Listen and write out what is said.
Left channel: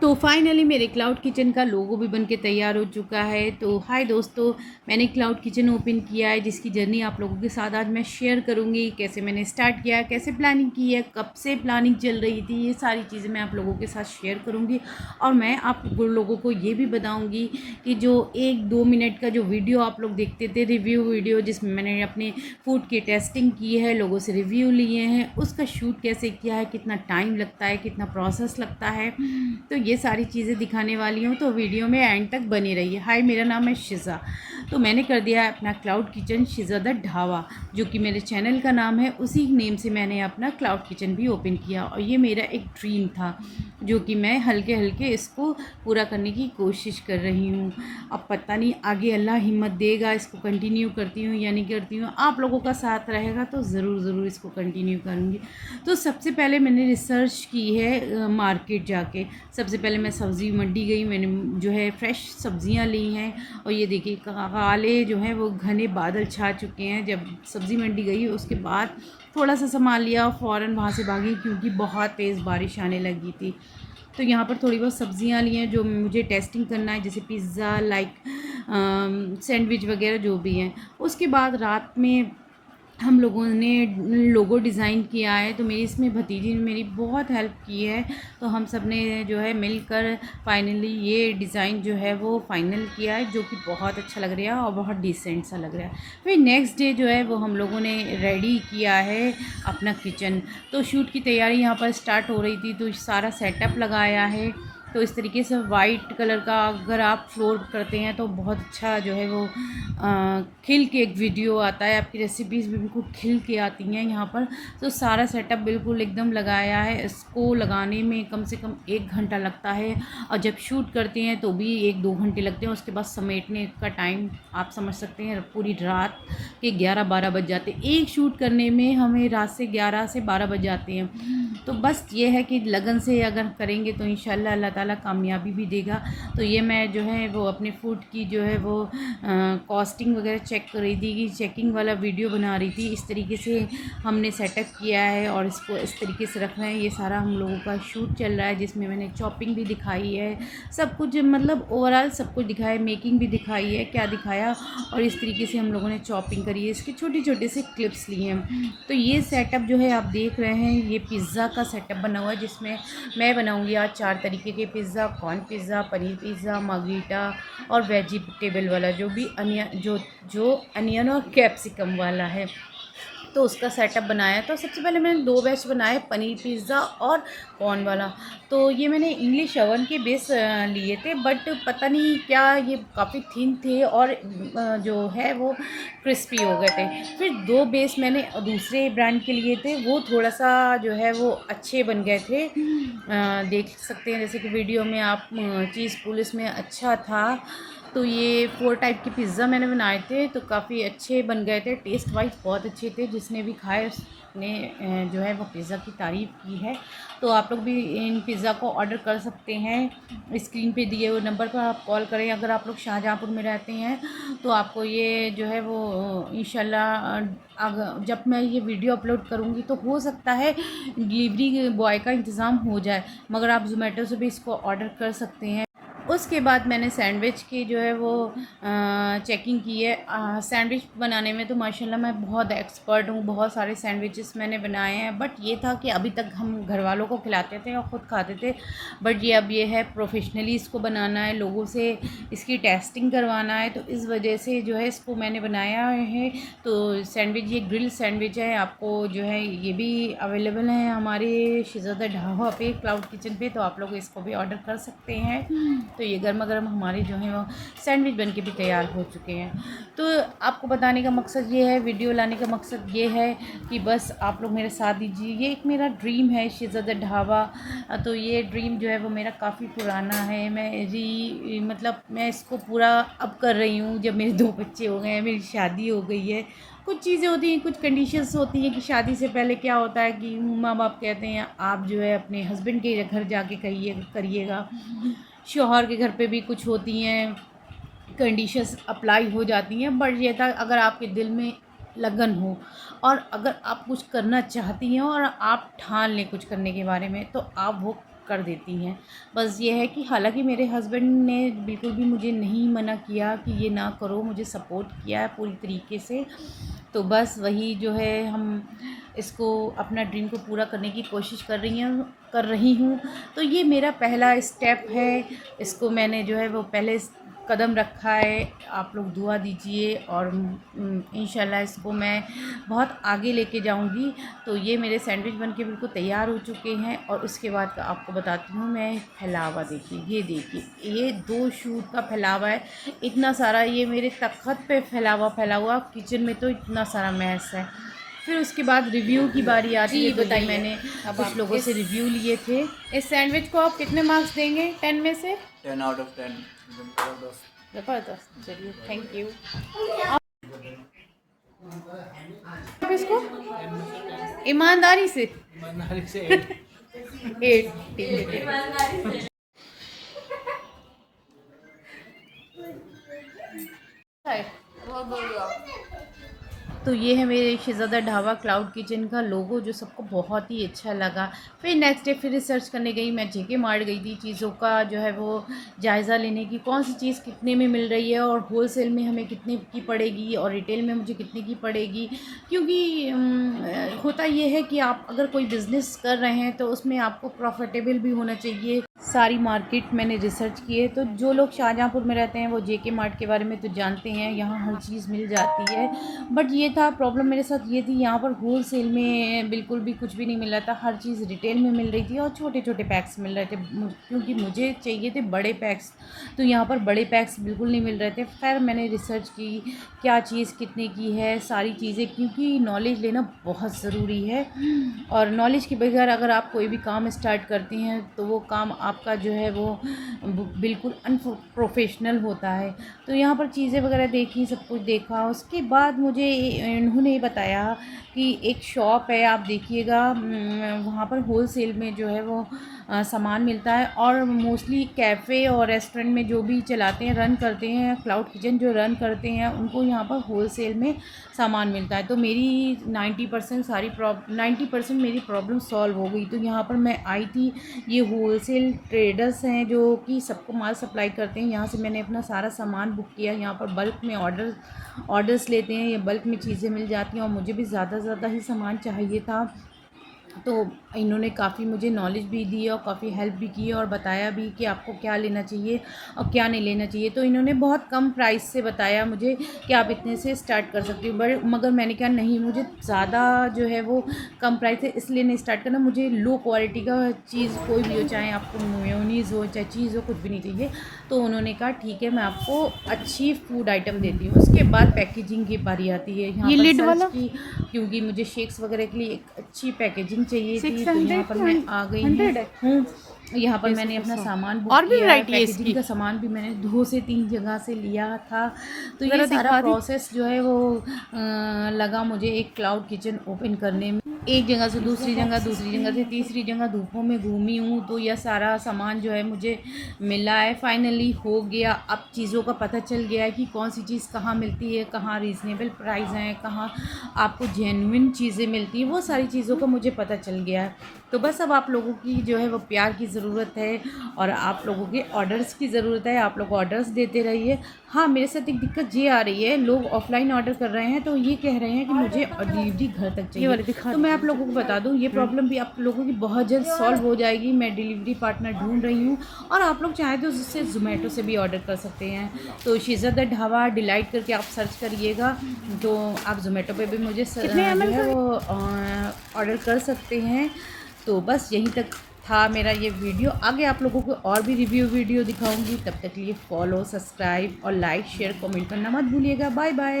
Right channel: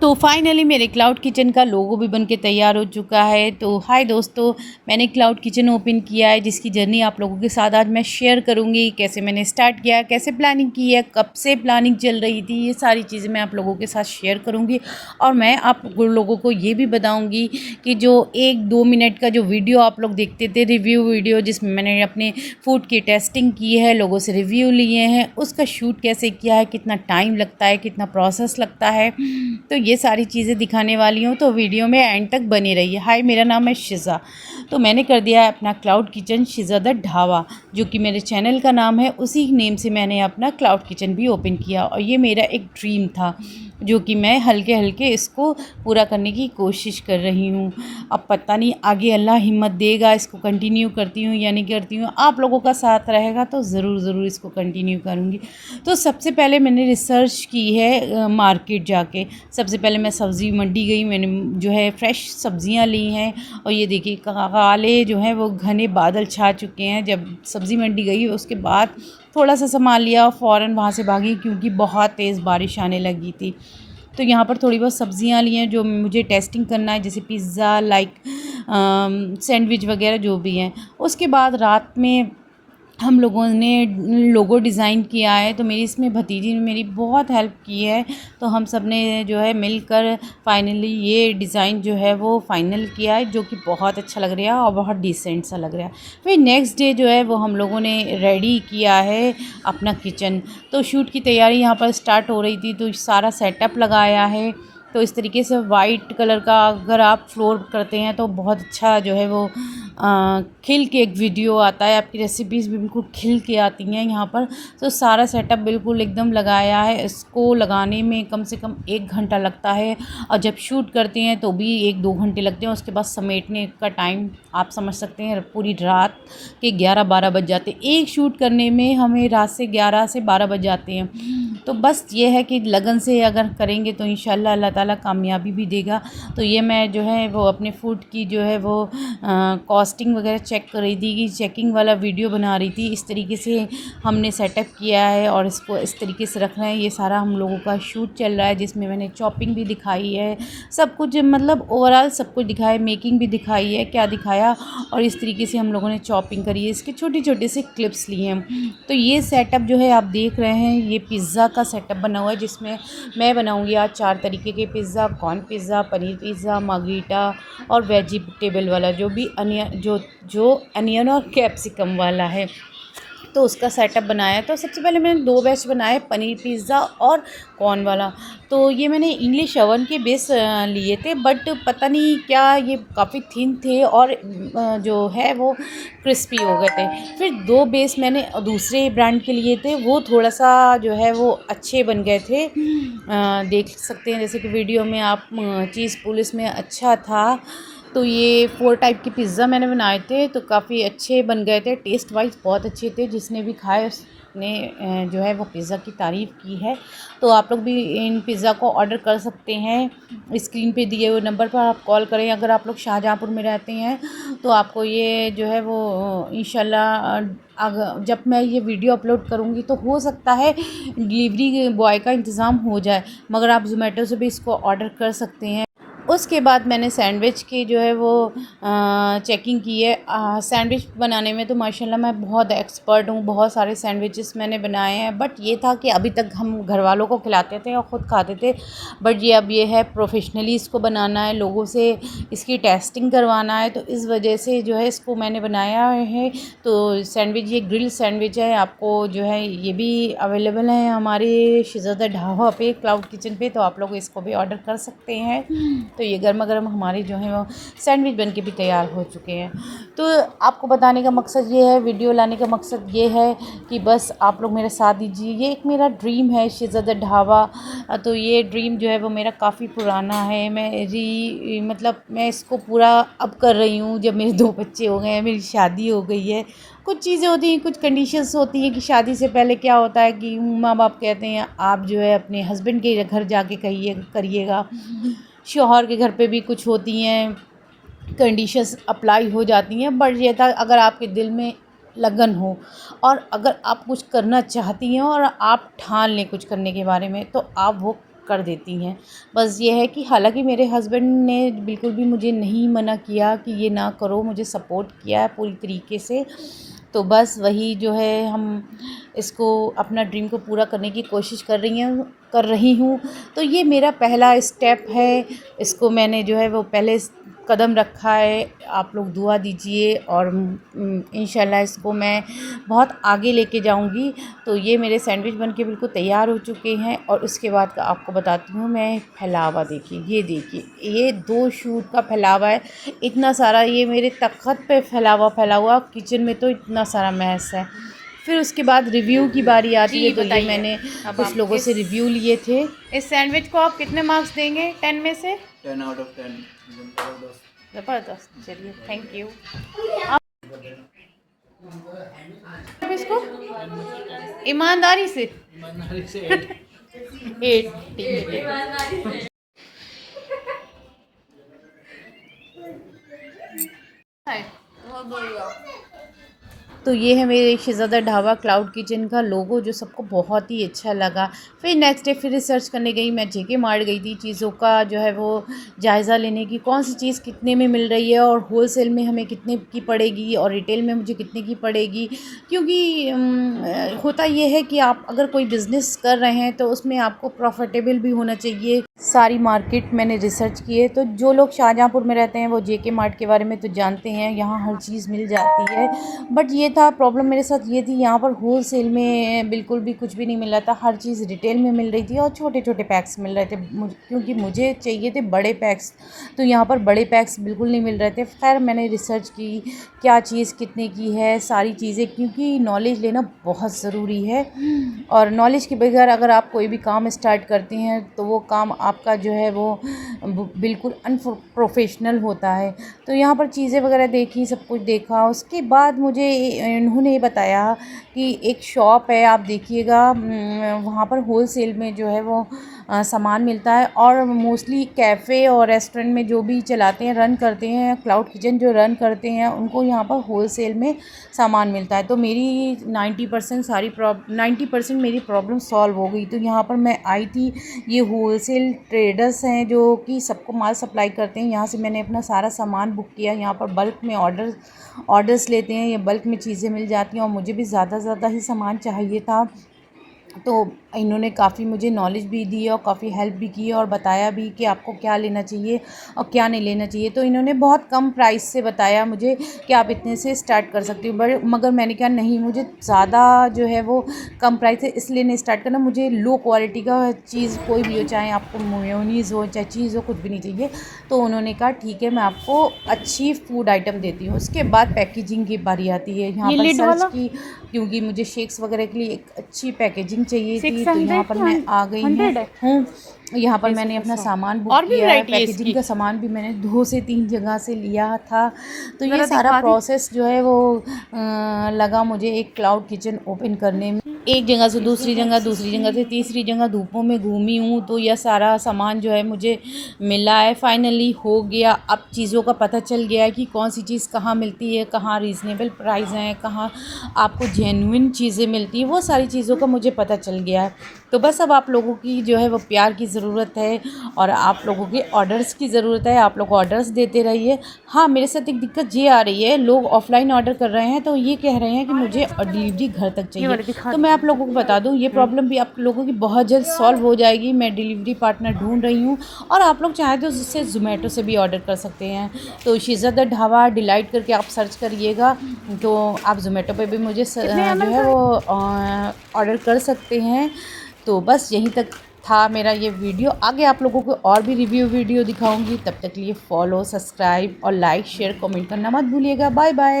तो फाइनली मेरे cloud kitchen का लोगो भी बन के तैयार हो चुका है। तो हाय दोस्तों, मैंने क्लाउड किचन ओपन किया है, जिसकी जर्नी आप लोगों के साथ आज मैं शेयर करूंगी। कैसे मैंने स्टार्ट किया, कैसे प्लानिंग की है, कब से प्लानिंग चल रही थी, ये सारी चीज़ें मैं आप लोगों के साथ शेयर करूंगी। और मैं आप लोगों को ये भी बताऊँगी कि जो 1-2 मिनट का जो वीडियो आप लोग देखते थे, रिव्यू वीडियो, जिसमें मैंने अपने फूड की टेस्टिंग की है, लोगों से रिव्यू लिए हैं, उसका शूट कैसे किया है, कितना टाइम लगता है, कितना प्रोसेस लगता है, तो ये सारी चीज़ें दिखाने वाली हूँ। तो वीडियो में एंड तक बनी रहिए। हाय, मेरा नाम है शिज़ा। तो मैंने कर दिया है अपना क्लाउड किचन शिज़ा द ढाबा, जो कि मेरे चैनल का नाम है। उसी नेम से मैंने अपना क्लाउड किचन भी ओपन किया, और ये मेरा एक ड्रीम था, जो कि मैं हल्के हल्के इसको पूरा करने की कोशिश कर रही हूँ। अब पता नहीं आगे अल्लाह हिम्मत देगा, इसको कंटिन्यू करती हूँ या नहीं करती हूँ। आप लोगों का साथ रहेगा तो ज़रूर इसको कंटिन्यू करूँगी। तो सबसे पहले मैंने रिसर्च की है मार्केट जाके। सबसे पहले मैं सब्ज़ी मंडी गई, मैंने जो है फ्रेश सब्ज़ियाँ ली हैं। और ये देखिए काले जो हैं वो घने बादल छा चुके हैं। जब सब्ज़ी मंडी गई उसके बाद थोड़ा सा सामान लिया, फ़ौरन वहाँ से भागी क्योंकि बहुत तेज़ बारिश आने लगी थी। तो यहाँ पर थोड़ी बहुत सब्ज़ियाँ ली हैं जो मुझे टेस्टिंग करना है, जैसे पिज़्ज़ा, लाइक सैंडविच वगैरह जो भी हैं। उसके बाद रात में हम लोगों ने लोगो डिज़ाइन किया है। तो मेरी इसमें भतीजी ने मेरी बहुत हेल्प की है। तो हम सब ने जो है मिलकर फाइनली ये डिज़ाइन जो है वो फाइनल किया है, जो कि बहुत अच्छा लग रहा है और बहुत डिसेंट सा लग रहा है। फिर नेक्स्ट डे जो है वो हम लोगों ने रेडी किया है अपना किचन। तो शूट की तैयारी यहाँ पर स्टार्ट हो रही थी, तो सारा सेटअप लगाया है। तो इस तरीके से वाइट कलर का अगर आप फ्लोर करते हैं तो बहुत अच्छा जो है वो खिल के एक वीडियो आता है। आपकी रेसिपीज़ भी बिल्कुल खिल के आती हैं यहाँ पर। तो सारा सेटअप बिल्कुल एकदम लगाया है। इसको लगाने में कम से कम 1 घंटा लगता है, और जब शूट करते हैं तो भी 1-2 घंटे लगते हैं। उसके बाद समेटने का टाइम आप समझ सकते हैं, पूरी रात के 11-12 बज जाते हैं। एक शूट करने में हमें रात से 11 से 12 बज जाते हैं। तो बस ये है कि लगन से अगर करेंगे तो इंशाल्लाह अल्लाह ताला कामयाबी भी देगा। तो ये मैं जो है वो अपने फूड की जो है वो कॉस्टिंग वगैरह चेक कर रही थी, कि चेकिंग वाला वीडियो बना रही थी। इस तरीके से हमने सेटअप किया है और इसको इस तरीके से रखना है। ये सारा हम लोगों का शूट चल रहा है, जिसमें मैंने चॉपिंग भी दिखाई है, सब कुछ मतलब ओवरऑल सब कुछ दिखाया है, मेकिंग भी दिखाई है, क्या दिखाया। और इस तरीके से हम लोगों ने चॉपिंग करी है, इसके छोटे छोटे से क्लिप्स लिए हैं। तो ये सेटअप जो है आप देख रहे हैं, ये पिज़्ज़ा का सेटअप बना हुआ है, जिसमें मैं बनाऊंगी आज 4 तरीके के pizza, corn pizza, paneer pizza, margherita और वेजिटेबल वाला, जो भी जो अनियन और कैप्सिकम वाला है। तो उसका सेटअप बनाया। तो सबसे पहले मैंने 2 बैच बनाए, पनीर पिज़्ज़ा और कॉर्न वाला। तो ये मैंने इंग्लिश ओवन के बेस लिए थे, बट पता नहीं क्या ये काफ़ी थिन थे और जो है वो क्रिस्पी हो गए थे। फिर 2 बेस मैंने दूसरे ब्रांड के लिए थे, वो थोड़ा सा जो है वो अच्छे बन गए थे। देख सकते हैं जैसे कि वीडियो में आप, चीज़ पुलिस में अच्छा था। तो ये 4 टाइप के पिज़्ज़ा मैंने बनाए थे, तो काफ़ी अच्छे बन गए थे, टेस्ट वाइज बहुत अच्छे थे। जिसने भी खाए उसने जो है वो पिज़्ज़ा की तारीफ़ की है। तो आप लोग भी इन पिज़्ज़ा को ऑर्डर कर सकते हैं। स्क्रीन पे दिए हुए नंबर पर आप कॉल करें। अगर आप लोग शाहजहाँपुर में रहते हैं तो आपको ये जो है वो इंशाल्लाह अगर जब मैं ये वीडियो अपलोड करूँगी तो हो सकता है डिलीवरी बॉय का इंतज़ाम हो जाए, मगर आप ज़ोमैटो से भी इसको ऑर्डर कर सकते हैं। उसके बाद मैंने सैंडविच की जो है वो चेकिंग की है। सैंडविच बनाने में तो माशाल्लाह मैं बहुत एक्सपर्ट हूँ, बहुत सारे सैंडविचेस मैंने बनाए हैं। बट ये था कि अभी तक हम घर वालों को खिलाते थे और ख़ुद खाते थे, बट ये अब ये है प्रोफेशनली इसको बनाना है, लोगों से इसकी टेस्टिंग करवाना है। तो इस वजह से जो है इसको मैंने बनाया है। तो सैंडविच, ये ग्रिल सैंडविच है, आपको जो है ये भी अवेलेबल है हमारे शिज़ा द ढाबा पे, क्लाउड किचन पे। तो आप लोग इसको भी ऑर्डर कर सकते हैं। तो ये गर्मा गर्म हमारे जो है वो सैंडविच बन के भी तैयार हो चुके हैं। तो आपको बताने का मकसद ये है, वीडियो लाने का मकसद ये है कि बस आप लोग मेरा साथ दीजिए। ये एक मेरा ड्रीम है शिज़ा द ढाबा। तो ये ड्रीम जो है वो मेरा काफ़ी पुराना है। मतलब मैं इसको पूरा अब कर रही हूँ, जब मेरे 2 बच्चे हो गए हैं, मेरी शादी हो गई है। कुछ चीज़ें होती हैं, कुछ कंडीशंस होती हैं कि शादी से पहले क्या होता है कि माँ बाप कहते हैं आप जो है अपने हस्बैंड के घर जाके करिएगा। शौहर के घर पे भी कुछ होती हैं कंडीशंस अप्लाई हो जाती हैं। बट ये था, अगर आपके दिल में लगन हो और अगर आप कुछ करना चाहती हैं और आप ठान लें कुछ करने के बारे में, तो आप वो कर देती हैं। बस ये है कि हालांकि मेरे हस्बैंड ने बिल्कुल भी मुझे नहीं मना किया कि ये ना करो, मुझे सपोर्ट किया है पूरी तरीके से। तो बस वही जो है हम इसको अपना ड्रीम को पूरा करने की कोशिश कर रही हूँ। तो ये मेरा पहला स्टेप है, इसको मैंने जो है वो पहले कदम रखा है। आप लोग दुआ दीजिए और इंशाल्लाह इसको मैं बहुत आगे लेके जाऊंगी। तो ये मेरे सैंडविच बनके बिल्कुल तैयार हो चुके हैं और उसके बाद का आपको बताती हूँ मैं फैलावा। देखिए, ये देखिए, ये 2 शूट का फैलावा है, इतना सारा। ये मेरे तख्त पे फैला हुआ, किचन में तो इतना सारा मैस है। फिर उसके बाद रिव्यू की बारी आती है। तो ये मैंने कुछ लोगों से रिव्यू लिए थे। इस सैंडविच को आप कितने मार्क्स देंगे 10 में से? 10 आउट ऑफ 10। ज़बरदस्त। चलिए, थैंक यू। आप इसको ईमानदारी से 8। ठीक है। बहुत बढ़िया। तो ये है मेरे शहज़ादा ढाबा क्लाउड किचन का लोगो, जो सबको बहुत ही अच्छा लगा। फिर नेक्स्ट डे फिर रिसर्च करने गई मैं, जेके मार्ट गई थी चीज़ों का जो है वो जायज़ा लेने की, कौन सी चीज़ कितने में मिल रही है और होलसेल में हमें कितने की पड़ेगी और रिटेल में मुझे कितने की पड़ेगी। क्योंकि होता ये है कि आप अगर कोई बिज़नेस कर रहे हैं तो उसमें आपको प्रॉफिटेबल भी होना चाहिए। सारी मार्केट मैंने रिसर्च की है। तो जो लोग शाहजहाँपुर में रहते हैं वो जेके मार्ट के बारे में तो जानते हैं, यहाँ हर चीज़ मिल जाती है। बट ये था प्रॉब्लम मेरे साथ, ये थी यहाँ पर होलसेल में बिल्कुल भी कुछ भी नहीं मिल रहा था। हर चीज़ रिटेल में मिल रही थी और छोटे छोटे पैक्स मिल रहे थे, क्योंकि मुझे चाहिए थे बड़े पैक्स। तो यहाँ पर बड़े पैक्स बिल्कुल नहीं मिल रहे थे। खैर मैंने रिसर्च की क्या चीज़ कितने की है, सारी चीज़ें, क्योंकि नॉलेज लेना बहुत ज़रूरी है। और नॉलेज के बगैर अगर आप कोई भी काम स्टार्ट करते हैं तो वो काम आपका जो है वो बिल्कुल अनप्रोफेशनल होता है। तो यहाँ पर चीज़ें वगैरह देखी, सब कुछ देखा। उसके बाद मुझे इन्होंने बताया कि एक शॉप है, आप देखिएगा, वहाँ पर होलसेल में जो है वो सामान मिलता है। और मोस्टली कैफ़े और रेस्टोरेंट में जो भी चलाते हैं, रन करते हैं, क्लाउड किचन जो रन करते हैं, उनको यहाँ पर होलसेल में सामान मिलता है। तो मेरी 90% मेरी प्रॉब्लम सॉल्व हो गई। तो यहाँ पर मैं आई थी। ये होलसेल ट्रेडर्स हैं जो कि सबको माल सप्लाई करते हैं। यहाँ से मैंने अपना सारा सामान बुक किया। यहाँ पर बल्क में ऑर्डर्स लेते हैं, या बल्क में चीज़ें मिल जाती हैं। और मुझे भी ज़्यादा ही सामान चाहिए था। तो इन्होंने काफ़ी मुझे नॉलेज भी दी और काफ़ी हेल्प भी की और बताया भी कि आपको क्या लेना चाहिए और क्या नहीं लेना चाहिए। तो इन्होंने बहुत कम प्राइस से बताया मुझे कि आप इतने से स्टार्ट कर सकते हो। मगर मैंने कहा नहीं, मुझे ज़्यादा जो है वो कम प्राइस है इसलिए नहीं स्टार्ट करना, मुझे लो क्वालिटी का चीज़ कोई भी हो, चाहे आपको मेयोनीज़ हो चाहे चीज़ हो, कुछ भी नहीं चाहिए। तो उन्होंने कहा ठीक है, मैं आपको अच्छी फूड आइटम देती हूँ। उसके बाद पैकेजिंग की बारी आती है। यहाँ पर सर्च की, क्योंकि मुझे शेक्स वगैरह के लिए एक अच्छी पैकेजिंग चाहिए थी। तो यहाँ पर मैं आ गई हूँ। यहाँ पर मैंने अपना सामान बुक किया है। पैकेजिंग का सामान भी मैंने 2 से 3 जगह से लिया था। तो ये सारा प्रोसेस जो है वो लगा मुझे एक क्लाउड किचन ओपन करने में। एक जगह से दूसरी जगह से तीसरी जगह धूपों में घूमी हूँ। तो यह सारा सामान जो है मुझे मिला है, फाइनली हो गया। अब चीज़ों का पता चल गया है कि कौन सी चीज़ कहाँ मिलती है, कहाँ रीज़नेबल प्राइस हैं, कहाँ आपको जेन्युइन चीज़ें मिलती हैं, वो सारी चीज़ों का मुझे पता चल गया है। तो बस अब आप लोगों की जो है वो प्यार की ज़रूरत है और आप लोगों के ऑर्डर्स की ज़रूरत है। आप लोग ऑर्डर्स देते रहिए। हाँ, मेरे साथ एक दिक्कत ये आ रही है, लोग ऑफ़लाइन ऑर्डर कर रहे हैं तो ये कह रहे हैं कि मुझे डिलीवरी घर तक चाहिए। तो मैं आप लोगों को बता दूं, ये प्रॉब्लम भी आप लोगों की बहुत जल्द सॉल्व हो जाएगी। मैं डिलीवरी पार्टनर ढूंढ रही हूँ और आप लोग चाहे तो उससे ज़ोमैटो से भी ऑर्डर कर सकते हैं। तो शहज़ादा ढाबा डिलाइट करके आप सर्च करिएगा तो आप ज़ोमैटो पे भी मुझे जो है वो ऑर्डर कर सकते हैं। तो बस यहीं तक था मेरा ये वीडियो। आगे आप लोगों को और भी रिव्यू वीडियो दिखाऊंगी। तब तक के लिए फॉलो, सब्सक्राइब और लाइक, शेयर, कमेंट करना मत भूलिएगा। Bye bye.